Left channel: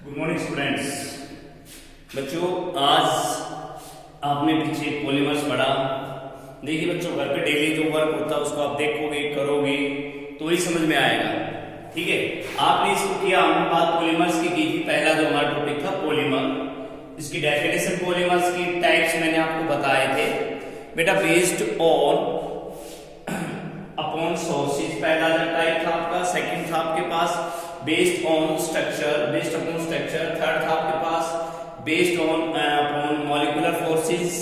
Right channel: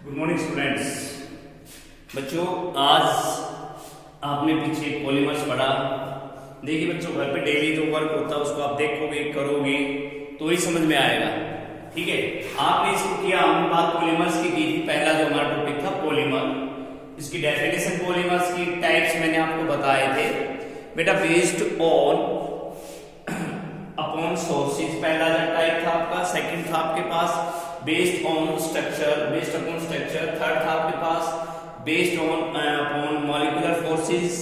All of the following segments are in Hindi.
Good morning students. बच्चों, आज आपने पीछे पॉलीमर्स पढ़ा। देखिए बच्चों, घर पे डेली जो वर्क होता है उसको आप देखोगे, करोगे तो ही समझ में आएगा। ठीक है, आपने इसको किया। हमने बात पॉलीमर्स की थी। पहला जो हमारा टॉपिक था पॉलीमर, इसकी डेफिनेशन, पॉलीमर्स की टाइप्स मैंने आपको बताए थे बेटा। बेस्ड ऑन अपॉन सोर्सेज पहला टाइप था आपका। सेकंड था आपके पास based on structure, based upon structure. Third था आपके पास based on upon molecular forces.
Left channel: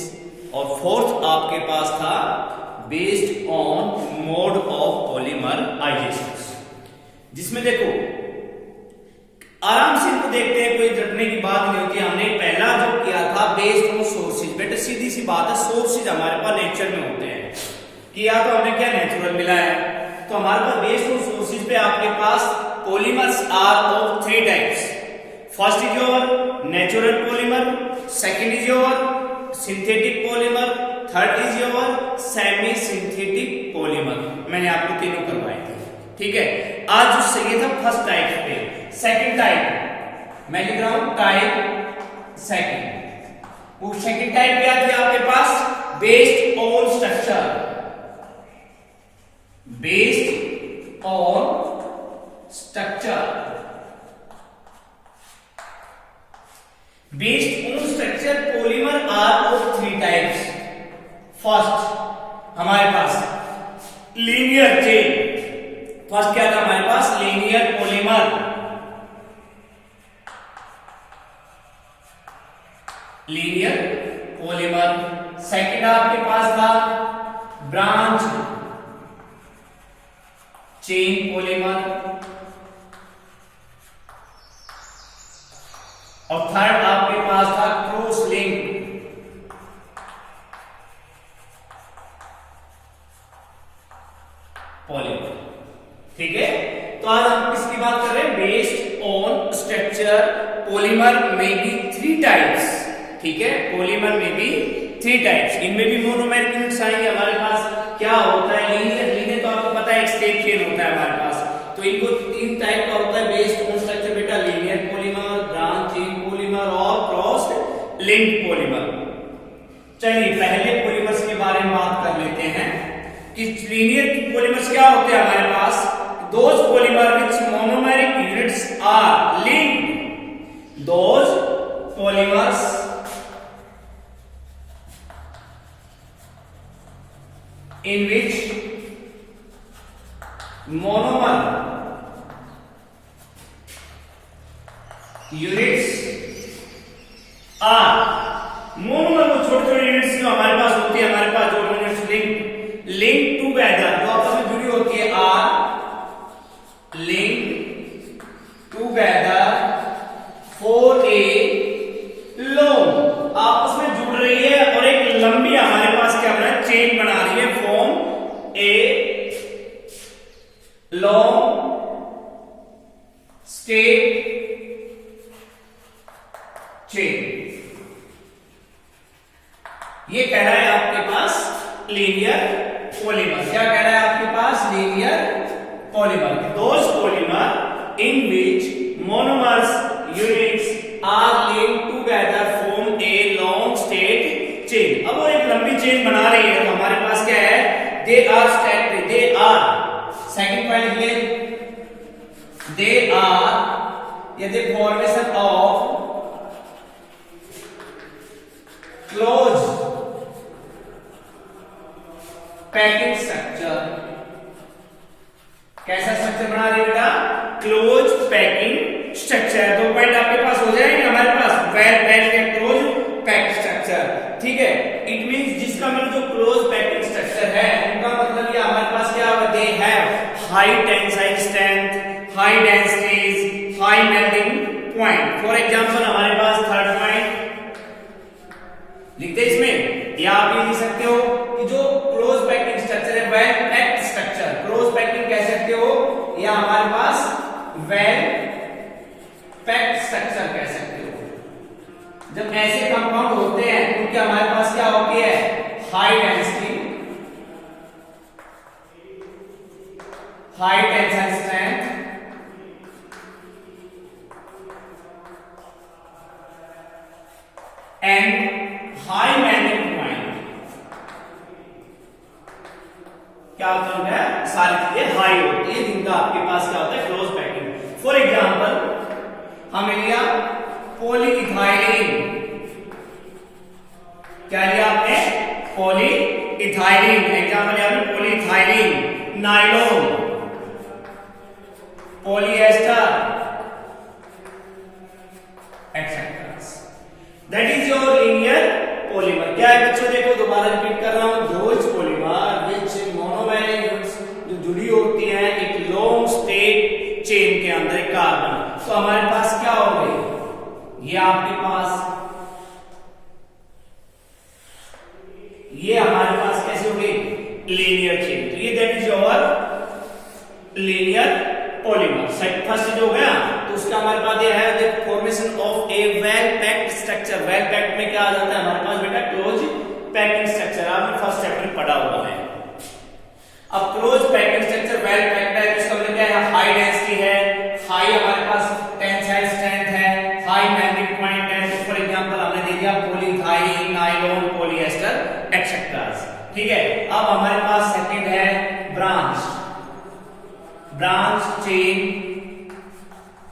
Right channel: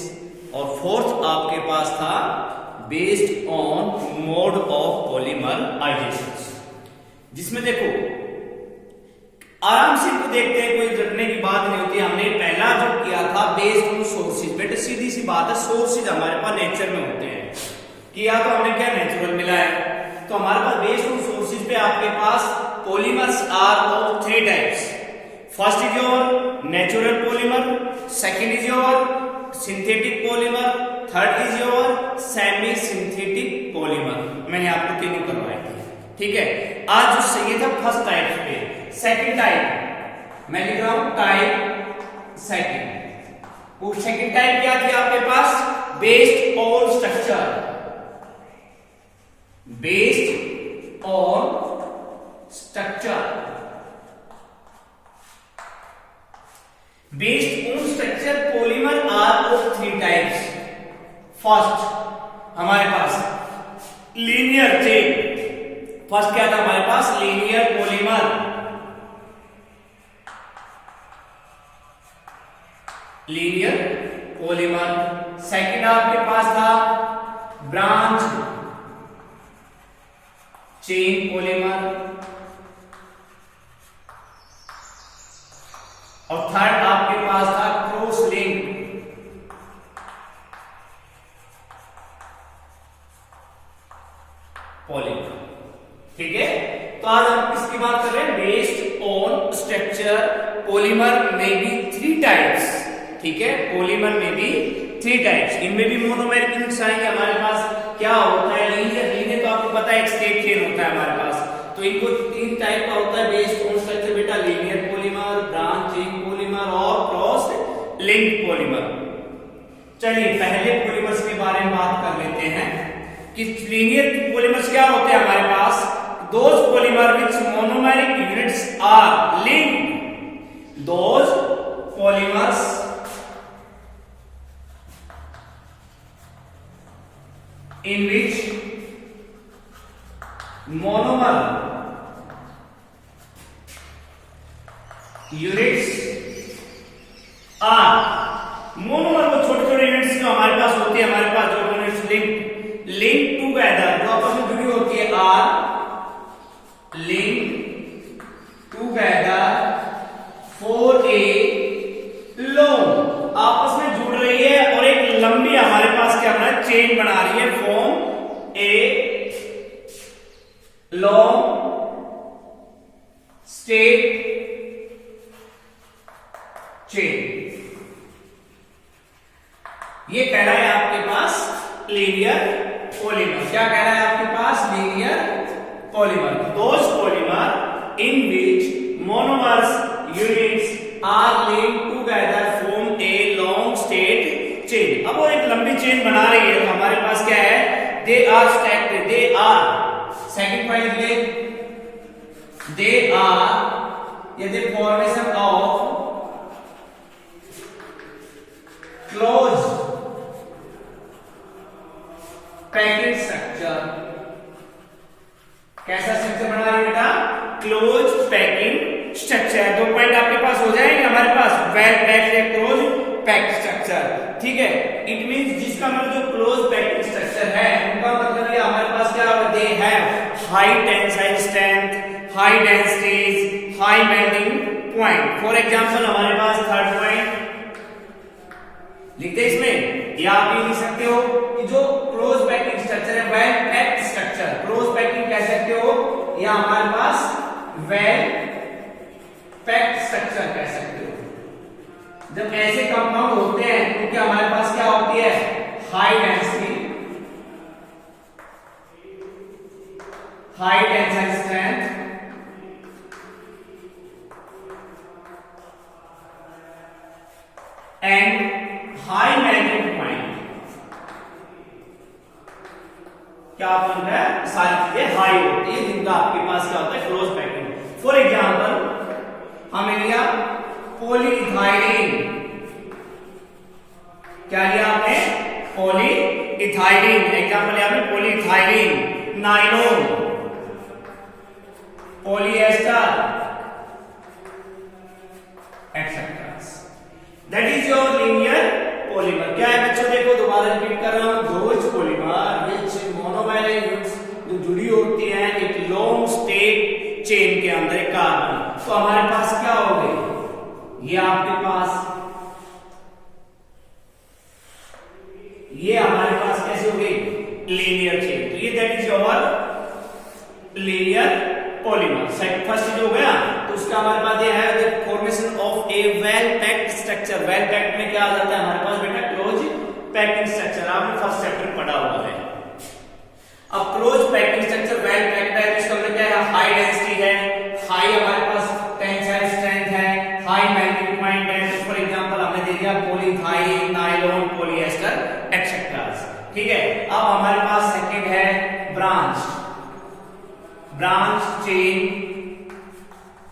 और फोर्थ आपके पास था based on mode of polymerisation. जिसमें देखो आराम से इनको देखते हैं, कोई रटने की बात नहीं होती। हमने पहला जो किया था बेस्ड ऑन सोर्सेज। बेटा सीधी सी बात है, सोर्सेज हमारे पास नेचर में होते हैं कि या तो हमें क्या नेचुरल मिला है, तो हमारे पास बेस्ड ऑन सोर्सेज पे आपके पास polymers are of three types. First is your natural polymer, second is your synthetic polymer, third is your semi synthetic polymer. मैंने आपको तीनों करवाए थे। ठीक है, आज जो ये था फर्स्ट टाइप पे। सेकंड टाइप मैं लिख रहा हूं टाइप सेकंड। वो सेकंड टाइप क्या थी आपके पास? Based on structure, based on structure. Based on structure polymer are of three types. First हमारे पास लीनियर चेन। फर्स्ट क्या था हमारे पास? Linear polymer, linear polymer. Second आपके पास था ब्रांच चेन पॉलीमर। और थर्ड आपके पास था क्रॉस लिंक पॉलीमर। ठीक है, तो आज हम किसकी बात कर रहे हैं? बेस्ड ऑन स्ट्रक्चर पॉलीमर में भी थ्री टाइप्स। ठीक है, पॉलीमर में भी थ्री टाइप्स। इनमें भी मोनोमेरिक यूनिट्स आएंगे हमारे पास। क्या होता है? लीनियर। लीनियर तो आपको पता है स्ट्रेट चेन होता है हमारे पास। तो इनको तीन टाइप का होता है बेस्ड ऑन स्ट्रक्चर बेटा। Linear polymer, branch chain polymer और क्रॉस लिंक पॉलीमर। चलिए पहले पॉलीमर्स के बारे में बात कर लेते हैं कि लीनियर पॉलीमर्स क्या होते हैं हमारे पास। Those polymer which monomeric units are linked, those polymers in which monomer units are, monomer वो छोटे छोटे यूनिट्स जो हमारे पास होती है, हमारे पास जो यूनिट्स लिंक टूगेदर, जो आपस में जुड़ी होती है, are link together for a long, आपस में जुड़ रही है और एक लंबी हमारे पास क्या बना? चेन बना रही है। Form a long straight chain. ये कह रहा है आपके पास लीनियर पॉलीमर। क्या कह रहा है आपके पास? Linear polymer, those polymer in which monomers units are linked together form a long straight chain. अब वो एक लंबी चेन बना रही है। हमारे पास क्या है? They are stacked, they are. Second point ले, दे आर ये the formation of close packing structure. कैसा स्ट्रक्चर बना रही है बेटा? Close packing structure. दो पॉइंट आपके पास हो जाएंगे हमारे पास, वेल पैक्ड या क्लोज पैक्ड स्ट्रक्चर। ठीक है, इट मींस जिसका मतलब जो क्लोज पैकिंग स्ट्रक्चर है उनका मतलब ये हमारे पास क्या होगा? दे have high tensile strength, high densities, high melting point. For example हमारे पास थर्ड पॉइंट लिखते इसमें, या आप ये लिख सकते हो कि जो क्लोज पैकिंग स्ट्रक्चर है well packed structure. Close packing कह सकते हो या हमारे पास वेल पैक्ड स्ट्रक्चर कह सकते हो। जब ऐसे कंपाउंड होते हैं क्योंकि हमारे पास क्या होती है? High density, high tensile strength, and high melting point. क्या होता है, सारी चीजें हाई होती है जिनका आपके पास क्या होता है, क्लोज पैकिंग। फॉर एग्जांपल हमने लिया पॉलीइथाइलिन। क्या लिया आपने, पॉलीइथाइलिन। एग्जांपल लिया आपने polyethylene, nylon, polyester etcetera. That is your linear polymer. क्या है बच्चों, देखो दोबारा रिपीट कर रहा हूं, those polymer which monomer units जो जुड़ी होती हैं एक लॉन्ग स्टेट चेन के अंदर एक कार्बन। तो हमारे पास क्या हो गई, ये आपके पास, ये हमारे पास कैसे हो गई, लीनियर चेन। तो ये that is your linear polymer. First चीज हो गया, तो उसका हमारे पास ये है the formation of A well packed structure. Well packed में क्या आ जाता है हमारे पास बेटा, क्लोज पैकिंग स्ट्रक्चर। आपने फर्स्ट चैप्टर में पढ़ा हुआ है। अब close packing structure well packed है, इसका मतलब क्या है, हाई डेंसिटी है, हाई हमारे पास टेंसाइल स्ट्रेंथ है, हाई मेल्टिंग पॉइंट है। तो फॉर एग्जांपल हमने दे दिया पॉलीइथाइलिन, नायलॉन, पॉलिएस्टर एक्सेट्रा। ठीक है, अब हमारे पास सेकंड है branch chain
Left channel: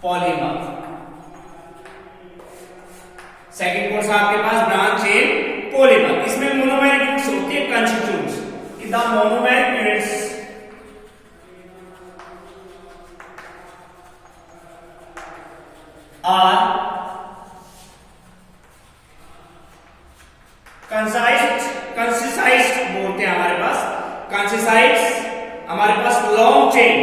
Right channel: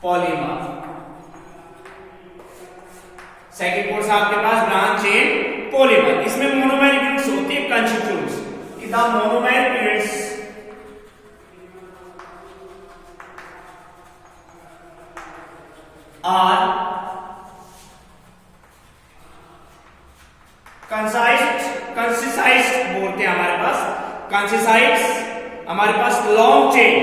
polymer. Second course आपके पास ब्रांच चेन पॉलीमर। इसमें मोनोमेरिक यूनिट्स होती है, constituents. The monomeric units are concised बोलते हैं हमारे पास, कंसिसाइज्ड हमारे पास लॉन्ग चेन।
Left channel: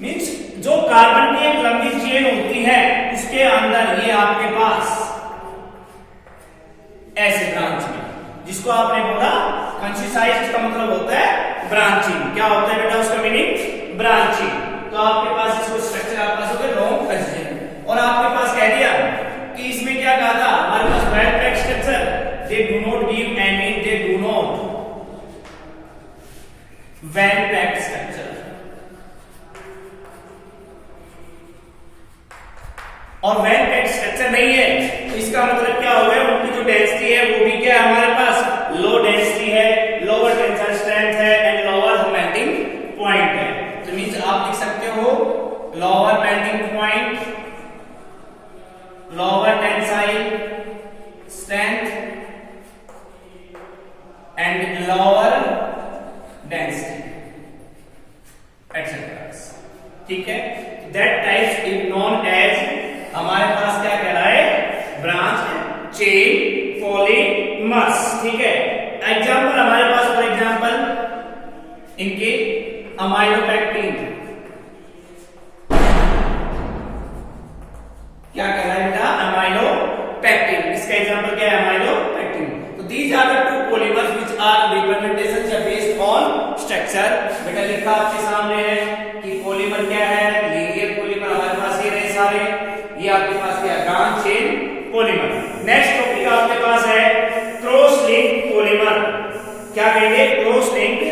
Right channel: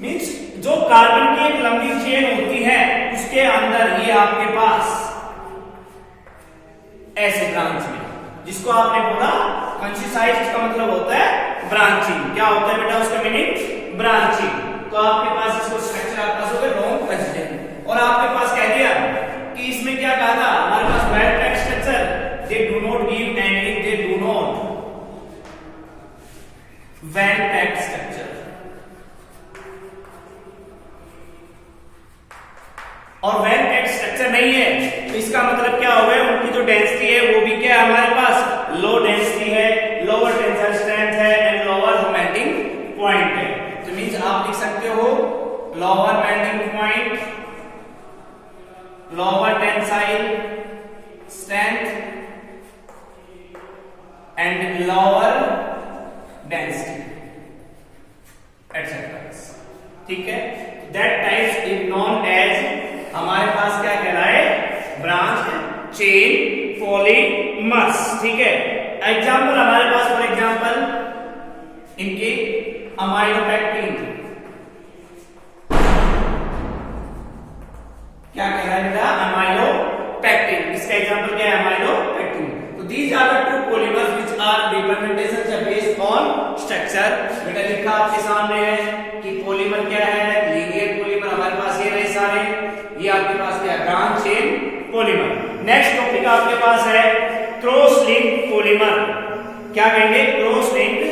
मीन्स जो कार्बन की एक लंबी चेन होती है उसके अंदर ये आपके पास ऐसे ब्रांचिंग, जिसको आपने बोला कंसिसाइज्ड का मतलब होता है ब्रांचिंग। क्या होता है बेटा उसका मीनिंग, ब्रांचिंग। तो आपके पास इसको स्ट्रक्चर आपके पास हो गया लॉन्ग कंसिस्टेंट। और आपके पास कह दिया कि इसमें क्या कहा था हमारे पास well packed structure, they do not give any, they do not well packed structure. और वेल पैक्ड स्ट्रक्चर नहीं है तो इसका मतलब क्या हो गया, उनकी जो डेंसिटी है वो भी क्या है हमारे पास, लो डेंसिटी है, लोअर टेंसाइल स्ट्रेंथ है एंड लोअर मेल्टिंग पॉइंट है। तो मींस आप लिख सकते हो lower melting point, lower tensile strength and lower density etcetera. ठीक है, that types is known as, हमारे पास क्या कहलाए, ब्रांच चेन पॉलीमर्स। ठीक है, एग्जांपल हमारे पास फॉर एग्जांपल इनके अमाइलोपेक्टिन, क्या कह रहा है बेटा, अमाइलोपेक्टिन। इसका एग्जांपल क्या है, अमाइलोपेक्टिन। तो these are the two polymers which are representation या बेस्ड ऑन स्ट्रक्चर। बेटा लिखा आपके सामने है कि पॉलीमर क्या है, लीनियर पॉलीमर हमारे पास ये रहे सारे, ये आपके पास क्या है, branch chain polymer. Next topic आपके पास है क्रॉस लिंक्ड पॉलीमर। क्या कहेंगे, क्रॉस लिंक्ड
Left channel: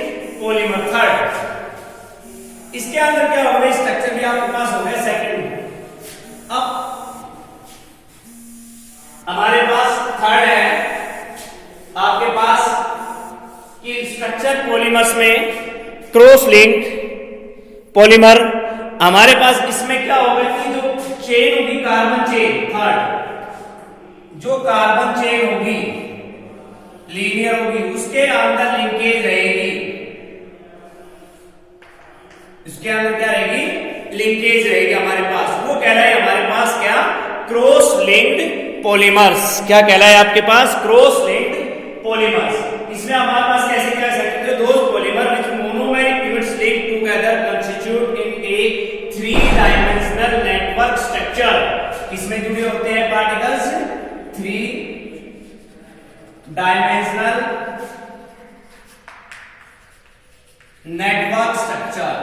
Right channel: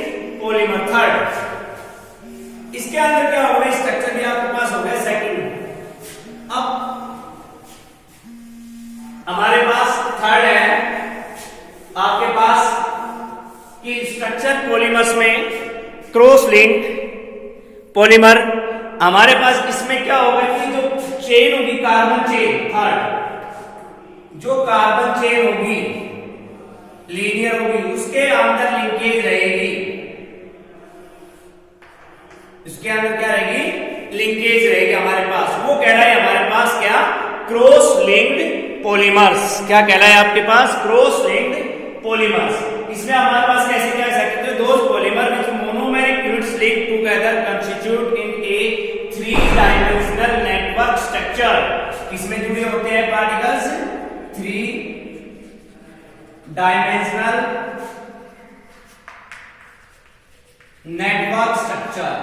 पॉलीमर। थर्ड, इसके अंदर क्या होगा, स्ट्रक्चर भी आपके पास हो गया सेकंड। अब हमारे पास थर्ड है आपके पास कि स्ट्रक्चर पॉलीमर्स में क्रॉस लिंक्ड पॉलीमर। हमारे पास इसमें क्या होगा कि जो चेन होगी कार्बन चेन, थर्ड जो कार्बन चेन होगी लीनियर होगी, उसके अंदर लिंकेज रहेगी। इसके अंदर क्या रहेगी, लिंकेज रहेगी हमारे पास। वो कह रहा है हमारे पास क्या, क्रॉस लिंक्ड पॉलीमर्स। क्या कह रहा है आपके पास, क्रॉस लिंक्ड पॉलीमर्स। इसमें हमारे पास कैसे कह सकते हो, those polymer which monomeric units link together constitute in A 3 dimensional network structure. इसमें जुड़े होते हैं पार्टिकल्स 3 डायमेंशनल नेटवर्क स्ट्रक्चर।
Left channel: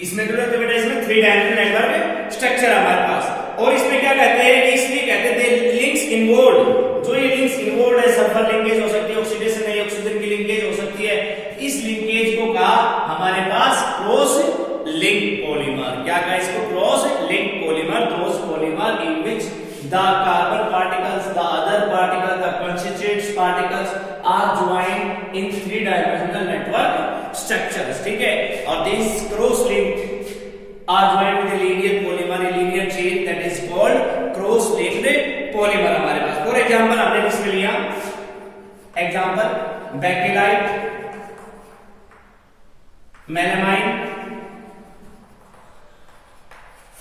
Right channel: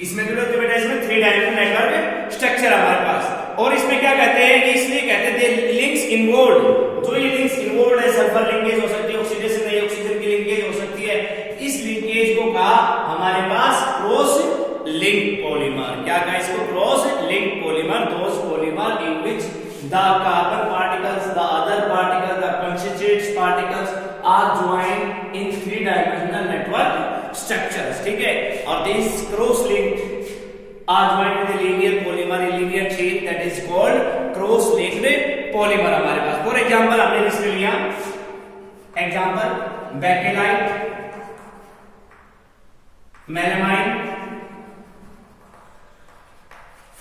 इसमें जुड़े होते बेटा, इसमें 3 डायमेंशनल नेटवर्क स्ट्रक्चर हमारे पास। और इसमें क्या कहते हैं, इसलिए कहते हैं लिंक्स इन्वॉल्व। जो ये लिंक्स इन्वॉल्व है, सल्फर लिंकेज हो सकती है, ऑक्सीडेशन है, ऑक्सीजन की लिंकेज हो सकती है। इस लिंकेज को कहा हमारे पास particles are joined in three-dimensional network structures. ठीक है, और these cross-linked are joined with linear polymer linear chain that is called cross-linked polymer हमारे पास. For example हमने इसमें लिया example bakelite, melamine,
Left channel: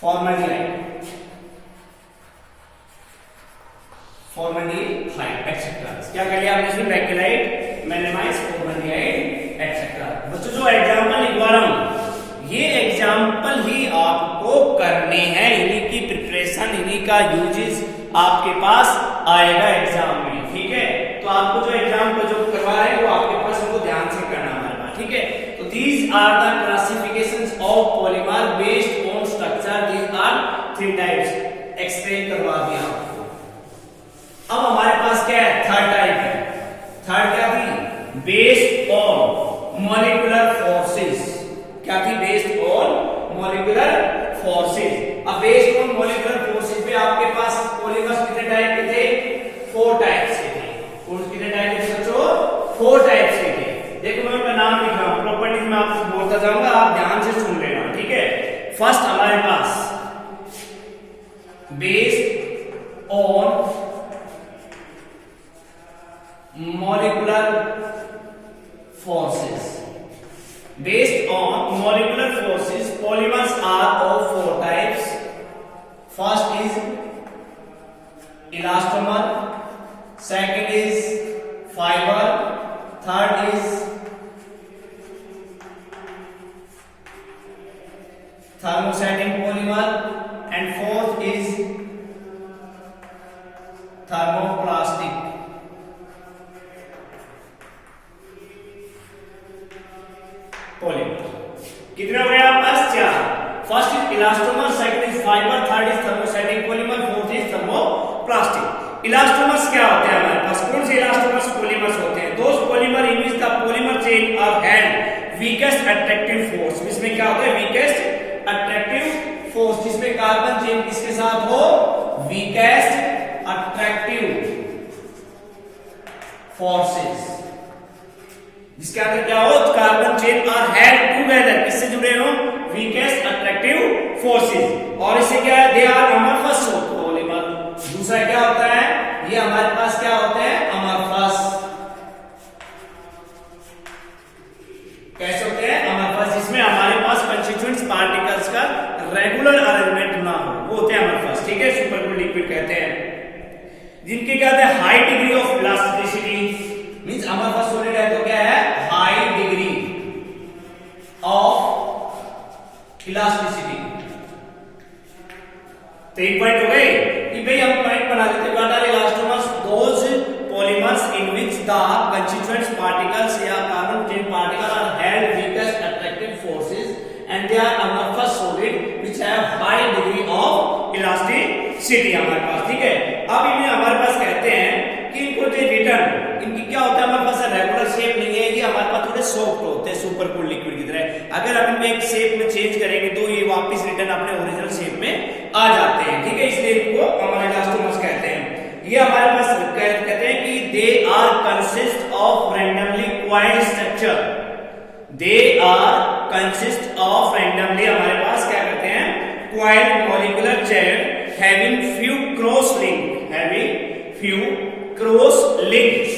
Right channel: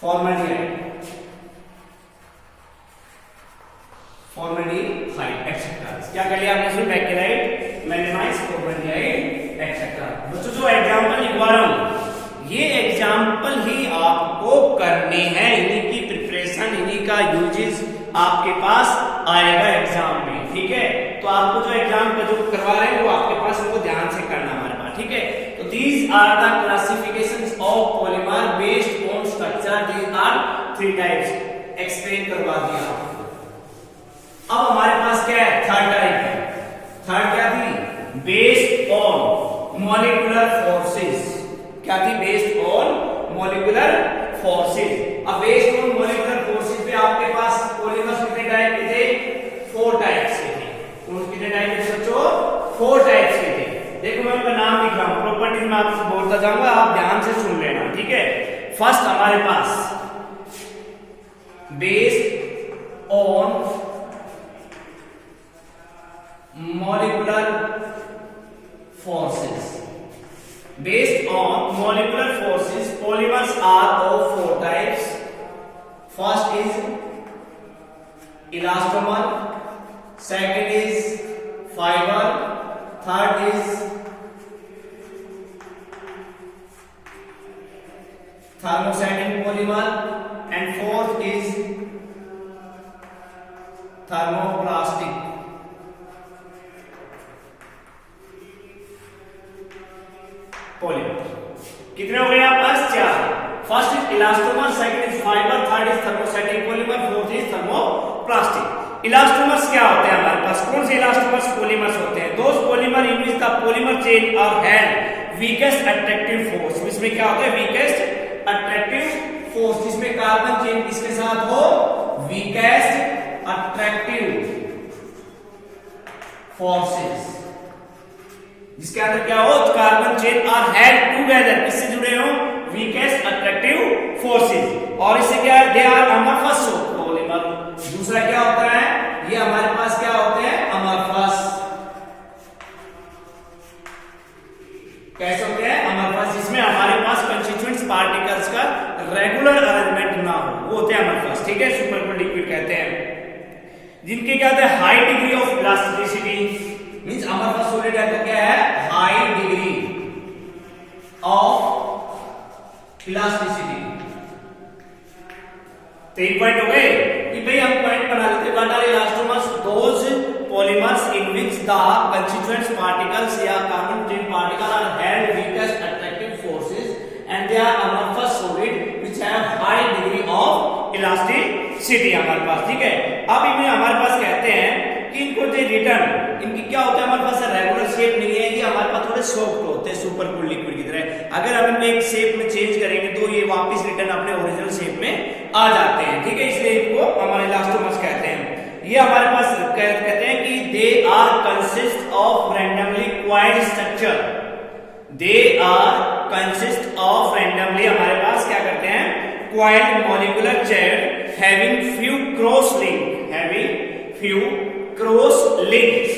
formaldehyde, etcetera. क्या कह लिया आपने इसमें बैकेलाइट, मेलामाइन, फॉर्मल्डिहाइड एक्सेट्रा. बच्चों जो एग्जांपल लिखवा रहा हूं ये एग्जांपल ही आपको करने हैं, इन्हीं की प्रिपरेशन इन्हीं का यूजेस आपके पास आएगा एग्जाम में. ठीक है, तो आपको जो एग्जाम का जो करवा रहे हैं वो आपके पास वो ध्यान से करना है. ठीक है, तो these are the classifications of polymer based on structure. These are three types. Explain करवा दिया आपको. अब हमारे पास क्या है, थर्ड टाइप है. थर्ड क्या थी, बेस्ड ऑन मॉलिक्यूलर फोर्सेस. क्या थी, बेस्ड ऑन मॉलिक्यूलर फोर्सेस. अब बेस्ड ऑन मॉलिक्यूलर फोर्सेस पे आपके पास पॉलीमर्स कितने टाइप के थे, 4 टाइप्स के थे. कौन कितने टाइप के बच्चों, 4 टाइप्स के थे. देखो मैं उनका नाम लिख रहा हूं, प्रॉपर्टीज में आपको बोलता जाऊंगा, आप ध्यान से सुन लेना. ठीक है, फर्स्ट हमारे पास based on molecular forces. Based on molecular forces, polymers are of 4 types. First is elastomer, second is fiber, third is thermosetting polymer, and fourth is thermoplastic. कितने हो गए आपके पास, 4. First is elastomer, second is fibre, third is thermosetting polymer, fourth is thermoplastic. Elastomers क्या होता है हमारे पास, कौन से इलास्टोमर्स पॉलीमर्स होते हैं, those polymer in which the polymer chain are had weakest attractive force. इसमें क्या होता है, वीकेस्ट अट्रैक्टिव फोर्स, जिसमें कार्बन चेन किसके साथ हो, वीकेस्ट अट्रैक्टिव फोर्सेस, जिसके अंदर क्या हो, carbon chain are had together, किससे जुड़े हो, वीकेस्ट अट्रैक्टिव फोर्सेस. और इसे क्या है, दे आर अमरफस पॉलीमर. दूसरा क्या होता है, ये हमारे पास क्या होते हैं, अमरफस. कैसे होते हैं, अमरफस, जिसमें हमारे पास कंस्टिट्यूएंट्स पार्टिकल्स का रेगुलर अरेंजमेंट ना हो, वो होते हैं अमरफस. ठीक है, सुपरकूल लिक्विड कहते हैं. जिनके क्या होता है, high degree of elasticity, means amorphous solid है तो क्या है, high degree of elasticity. 3 point हो गए कि भाई हम पॉइंट बना लेते. What are elastomers, those polymers in which the constituents particles या carbon chain particle are had weakest attractive forces and they are amorphous solid which have high degree of elasticity हमारे पास. ठीक है, अब इन्हें हमारे पास कहते हैं कि इनको जो रिटर्न इनकी क्या होता है, हमारे पास रेगुलर शेप नहीं है, ये हमारे पास थोड़े सॉफ्ट होते हैं सुपरकूल लिक्विड की तरह. अगर हम इनको एक शेप में चेंज करेंगे तो ये वापस रिटर्न अपने ओरिजिनल शेप में आ जाते हैं. ठीक है, इसलिए इनको हमारे इलास्टोमर्स कहते हैं. ये हमारे पास कहते हैं कि they are consist of randomly coiled structure. They are consist of randomly, हमारे पास क्या करते हैं, coiled molecular chain having few cross link, having few cross links,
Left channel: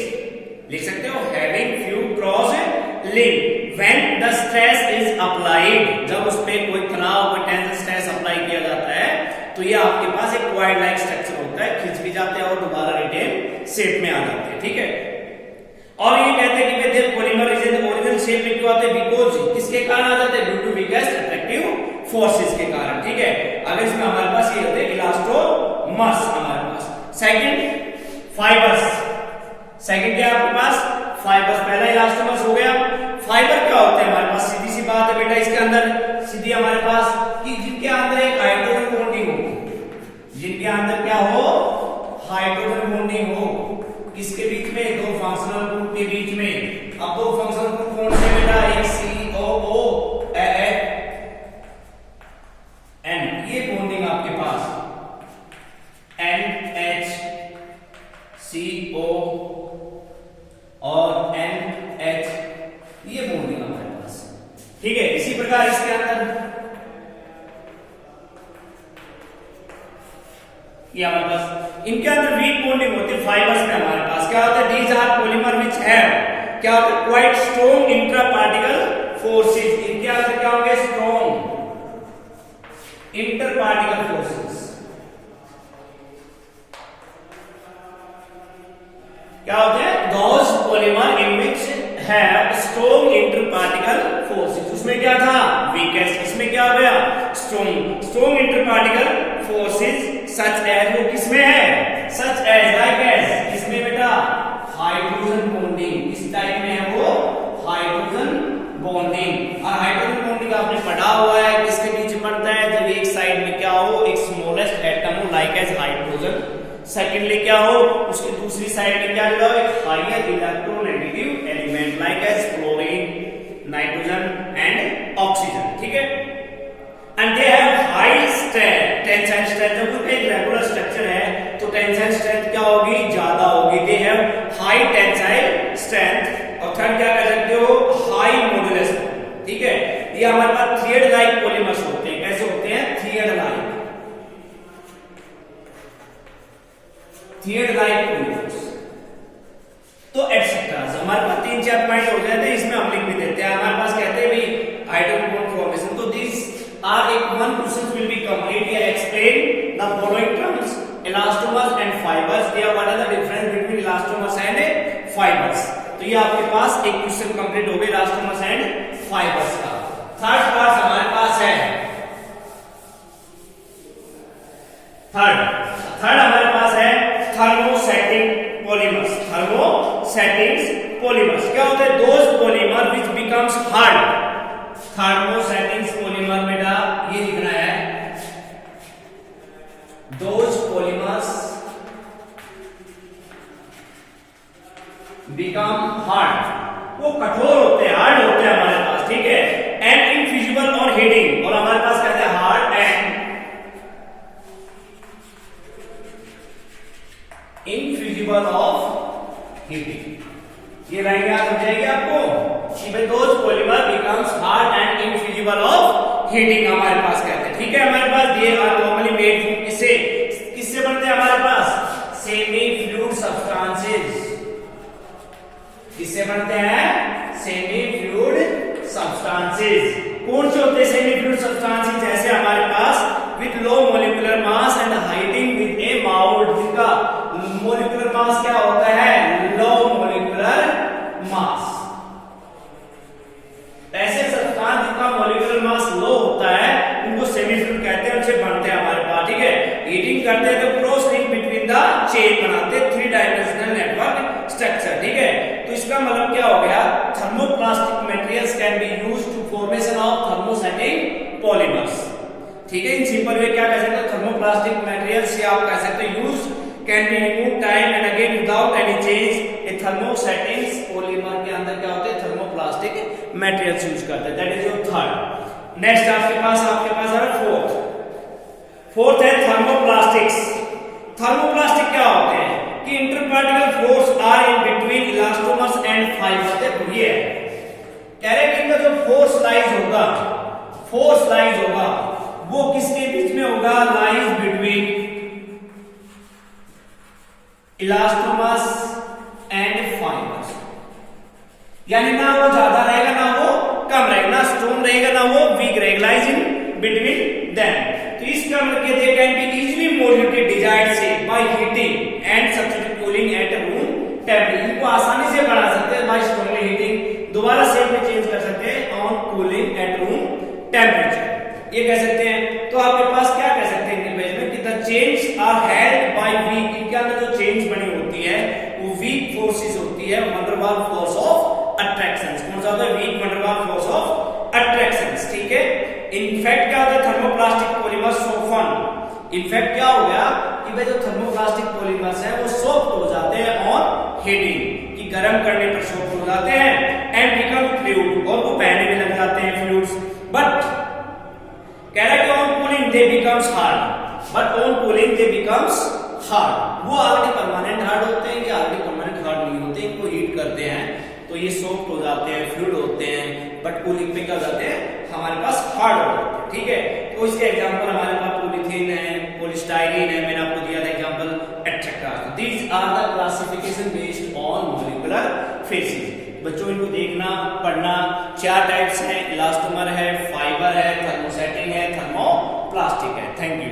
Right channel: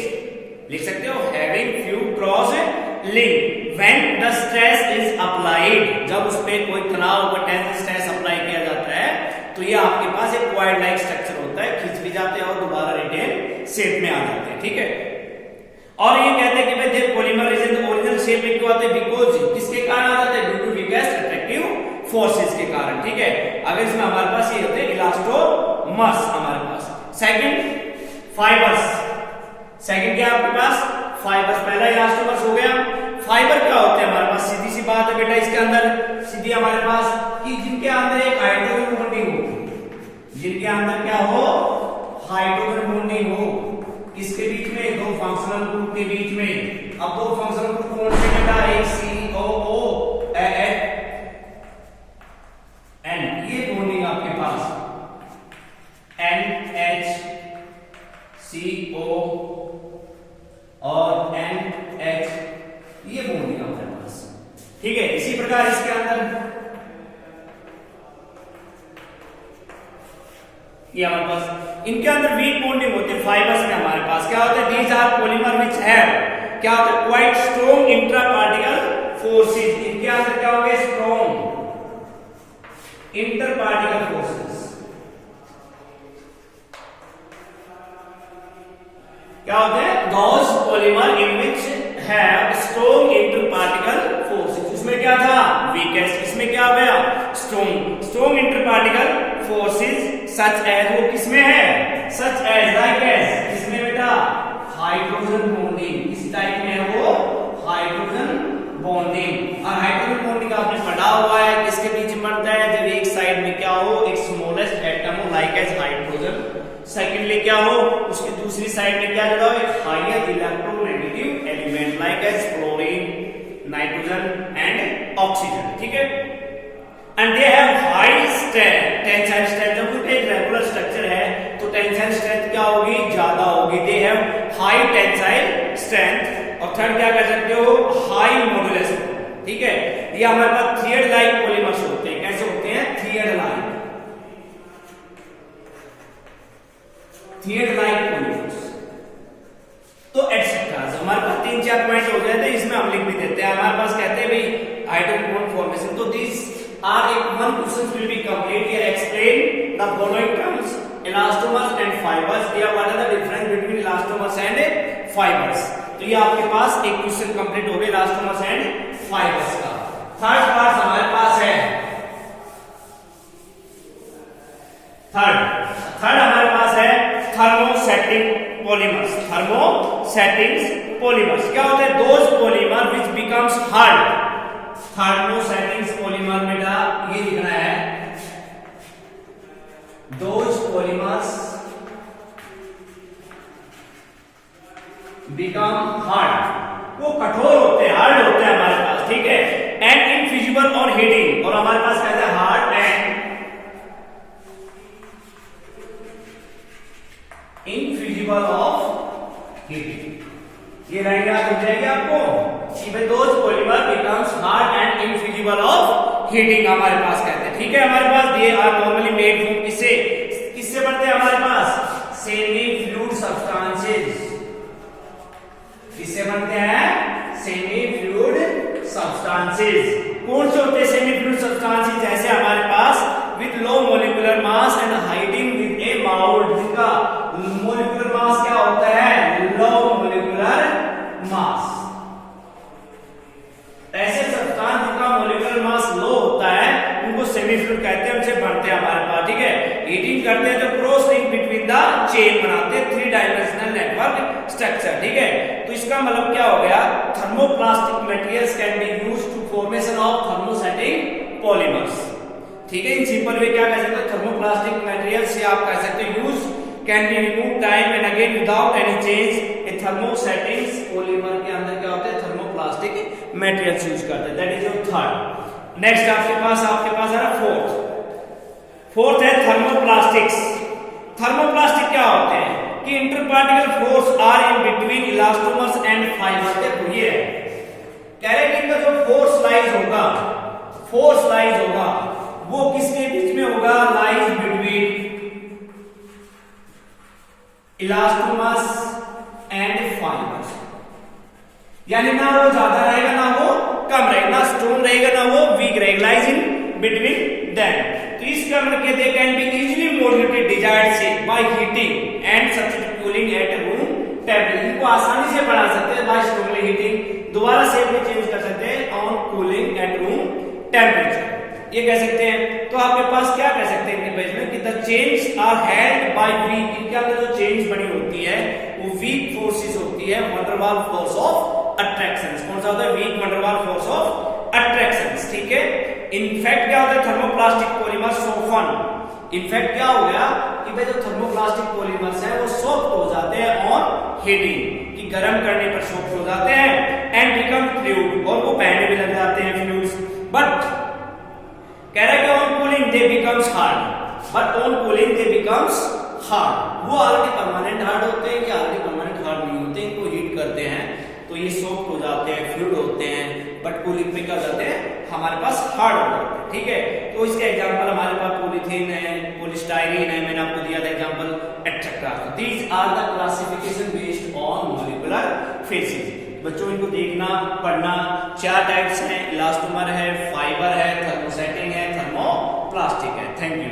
लिख सकते हो, having few cross link. When the stress is applied, जब उस पे कोई तनाव कोई टेंशन स्ट्रेस अप्लाई किया जाता है तो ये आपके पास एक क्वाइल लाइक स्ट्रक्चर होता है, खींच भी जाते हैं और दोबारा रिटेन शेप में आ जाते हैं. ठीक है, और ये कहते हैं कि they polymer is in original shape में क्यों आते हैं, बिकॉज किसके कारण आ जाते हैं, due to weakest attractive forces के कारण. ठीक है, अगर इसमें हमारे पास ये होते हैं इलास्टोमर्स हमारे पास. सेकंड फाइबर्स, सेकंड क्या आपके पास, फाइबर्स. पहला इलास्टोमर्स हो गया. फाइबर क्या होते हैं हमारे पास, सीधी सी बात है बेटा, इसके अंदर सीधी हमारे पास कि जिनके अंदर एक हाइड्रोजन बॉन्डिंग हो, जिनके अंदर क्या हो, हाइड्रोजन बॉन्डिंग हो, किसके बीच में, 2 फंक्शनल ग्रुप के बीच में. अब 2 फंक्शनल ग्रुप कौन से बेटा, एक COO एंड ये बॉन्डिंग आपके पास NH CO और NH, ये बॉन्डिंग हमारे पास, ठीक है। इसी प्रकार इसके अंदर ये हमारे पास, इनके अंदर वीक बॉन्डिंग होती है फाइबर्स में, हमारे पास क्या होता है, these are polymer which have क्या होता है, quite strong intra particle forces. इनके अंदर क्या होंगे, स्ट्रॉन्ग इंटर पार्टिकल फोर्सेस। क्या होते हैं, those polymer in which have strong interparticle forces। उसमें क्या था, weakest, इसमें क्या हो गया, strong interparticle forces such as, वो किसमें है, such as, like as, किसमें बेटा, हाइड्रोजन बॉन्डिंग, इस टाइप में है वो हाइड्रोजन बॉन्डिंग। और हाइड्रोजन बॉन्डिंग आपने पढ़ा हुआ है, किसके बीच बनता है, जब एक साइड में क्या हो, एक स्मॉलेस्ट एटम हो, लाइक एज हाइड्रोजन, सेकेंडली क्या हो, उसके दूसरी साइड में क्या जुड़ा हो, एक higher electronegative element like as chlorine, nitrogen and oxygen, ठीक है। And they have high strength, tensile strength, जब उनका एक रेगुलर स्ट्रक्चर है तो टेंसाइल स्ट्रेंथ क्या होगी, ज्यादा होगी। दे हैव हाई टेंसाइल स्ट्रेंथ। और थर्ड क्या कर सकते हो, हाई मॉड्यूलस, ठीक है। ये हमारे पास थ्रेड लाइक पॉलीमर्स होते हैं, कैसे होते हैं, thread like, thread like polymers. तो एटसेट्रा हमारे पास 3-4 पॉइंट हो जाते हैं, इसमें हम लिख भी देते हैं। हमारे पास कहते हैं भाई हाइड्रोजन बॉन्ड फॉर्मेशन, तो this are one question will be complete here, explain the following terms, elastomers and fibers। या what are the difference between elastomers and fibers। तो ये आपके पास एक क्वेश्चन कंप्लीट हो गया इलास्टोमर्स एंड फाइबर्स का। थर्ड पार्ट हमारे पास है, थर्ड हमारे पास है थर्मोसेटिंग पॉलीमर्स। थर्मोसेटिंग पॉलीमर्स क्या होता है, those polymer which becomes hard. Thermosetting polymer में ये लिखना है, दोज पॉलीमर्स बिकम हार्ड, वो कठोर होते हैं, हार्ड होते हैं हमारे पास, ठीक है। एंड इनफिजिबल ऑन हीटिंग, और हमारे पास कहते हैं hard and infeasible of heating. ये लाइन याद हो जाएगी आपको कि भाई those polymer becomes hard and infeasible of heating, हमारे पास कहते हैं, ठीक है। हमारे पास ये आर नॉर्मली मेड किससे बनते हैं, हमारे पास सेमी फ्लूइड सब्सटेंसेस। किससे बनते हैं, सेमी फ्लूइड सब्सटेंसेस। कौन से होते हैं सेमी फ्लूइड सब्सटेंसेस, जैसे हमारे पास with low molecular mass and hiding with a bound, जिनका मोलिकुलर मास क्या होता है, लो मोलिकुलर मास। ऐसे सब्सटेंस जिनका मोलिकुलर मास लो होता है उनको सेमी फ्लूइड कहते हैं, उनसे बनते हैं हमारे पास, ठीक है। हीटिंग करते हैं तो cross link between the chain बनाते हैं, 3 डायमेंशनल नेटवर्क स्ट्रक्चर, ठीक है। तो इसका मतलब क्या हो गया, thermoplastic materials can be used to formation of thermosetting polymers, ठीक है। इन सिंपल वे क्या कह सकते हैं, थर्मोप्लास्टिक मटेरियल्स से आप कह सकते हो use can be remove time and again without any change. Thermosetting polymer के अंदर क्या होते हैं, थर्मोप्लास्टिक मटेरियल्स यूज करते हैं, that is your third. Next आपके पास है फोर्थ है थर्मोप्लास्टिक्स। थर्मोप्लास्टिक क्या होते हैं कि interparticle force are in between elastomers and fibre. देखो ये कह रहे हैं कि जो फोर्स लाइज होगा वो किसके बीच में होगा, lies between elastomers and fibres. यानी ना वो ज्यादा रहेगा ना वो कम रहेगा, ना स्ट्रॉन्ग रहेगा ना वो वीक रहेगा, लाइज इन बिटवीन देम। तो इसका मतलब कहते हैं can be easily modulated desired से by heating and substitute cooling at room temperature. इनको आसानी से बढ़ा सकते हैं बाय स्ट्रांगली हीटिंग, दोबारा शेप में चेंज कर सकते हैं on cooling at room temperature, ये कह सकते हैं। तो आपके पास क्या कह सकते हैं इनके बेस में कि the change are held by weak, इनके अंदर जो चेंज बनी होती है वो वीक फोर्सेस होती है, wonder Waals force of attraction. कौन सा होता है, weak van der Waals force of attraction, ठीक है। इनफैक्ट क्या होता है, थर्मोप्लास्टिक पॉलीमर सॉफ्टन। इनफैक्ट क्या हो गया कि भाई जो थर्मोप्लास्टिक पॉलीमर्स है वो सॉफ्ट हो जाते हैं ऑन हीटिंग, कि गर्म करने पर सॉफ्ट हो जाते हैं एंड बिकम फ्लूइड, और वो बहने भी लग जाते हैं फ्लूइड्स। बट कह रहा है कि on cooling they becomes hard, but on cooling they becomes hard. वो ऑलरेडी परमानेंट हार्ड होते हैं, कि ऑलरेडी परमानेंट हार्ड नहीं होते, इनको हीट करते हैं ये सॉफ्ट हो जाते हैं, फ्लूइड होते हैं, बट पॉलीथीन क्या हो जाते हैं हमारे पास हार्ड हो जाते हैं। ठीक है, तो इसके एग्जांपल हमारे पास पॉलीथीन है, पॉलीस्टाइरीन है, मैंने आपको दिया था example etcetera. These are the classification based on molecular forces. बच्चों इनको देखना पढ़ना, 4 टाइप्स हैं, इलास्टोमर है, फाइबर है, थर्मोसेटिंग है, थर्मोप्लास्टिक है। Thank you.